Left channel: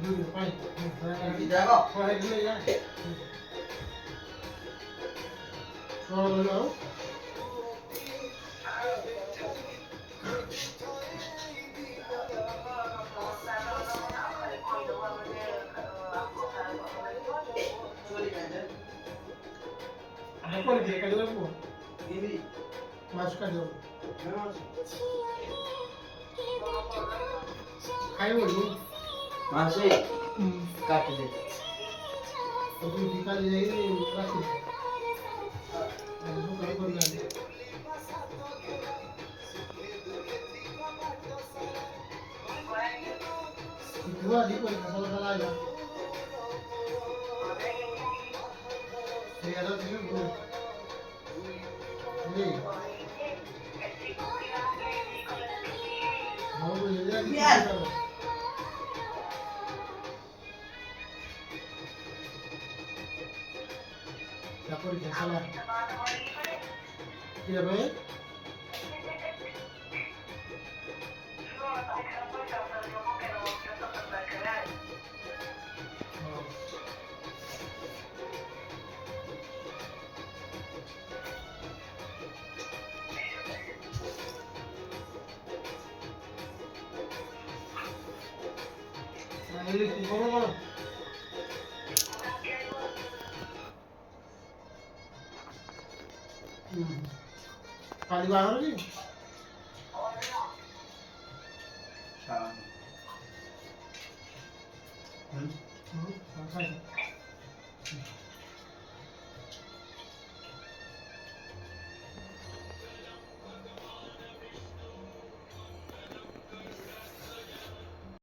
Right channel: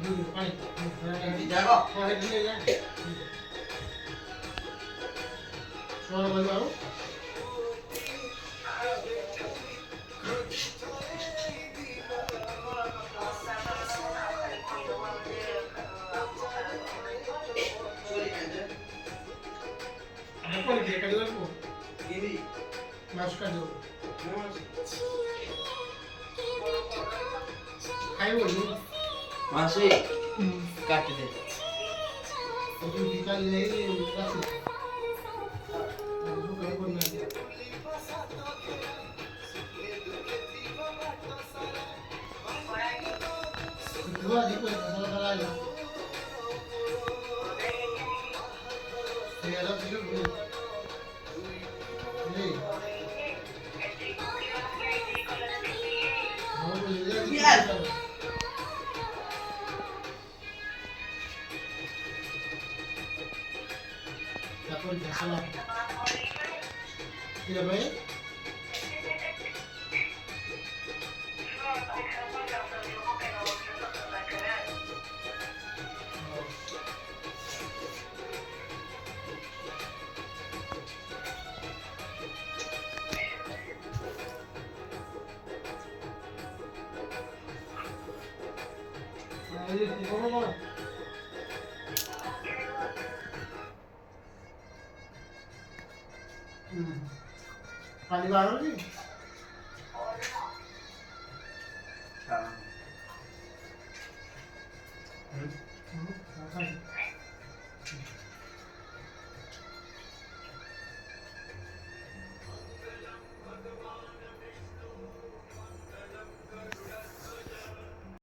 पानी जाएगा पानी ले जाए सो लगाओ apa dia kali apa ini masuk aja ayo dulu masuk काट दे तो निकाल ले कैसे जो करे करना है दुआ देखो मसाला डाला है ये अलग से ले हम ले जाएंगे por salah tidak baik ini kumpulan पानी मारो जी अच्छा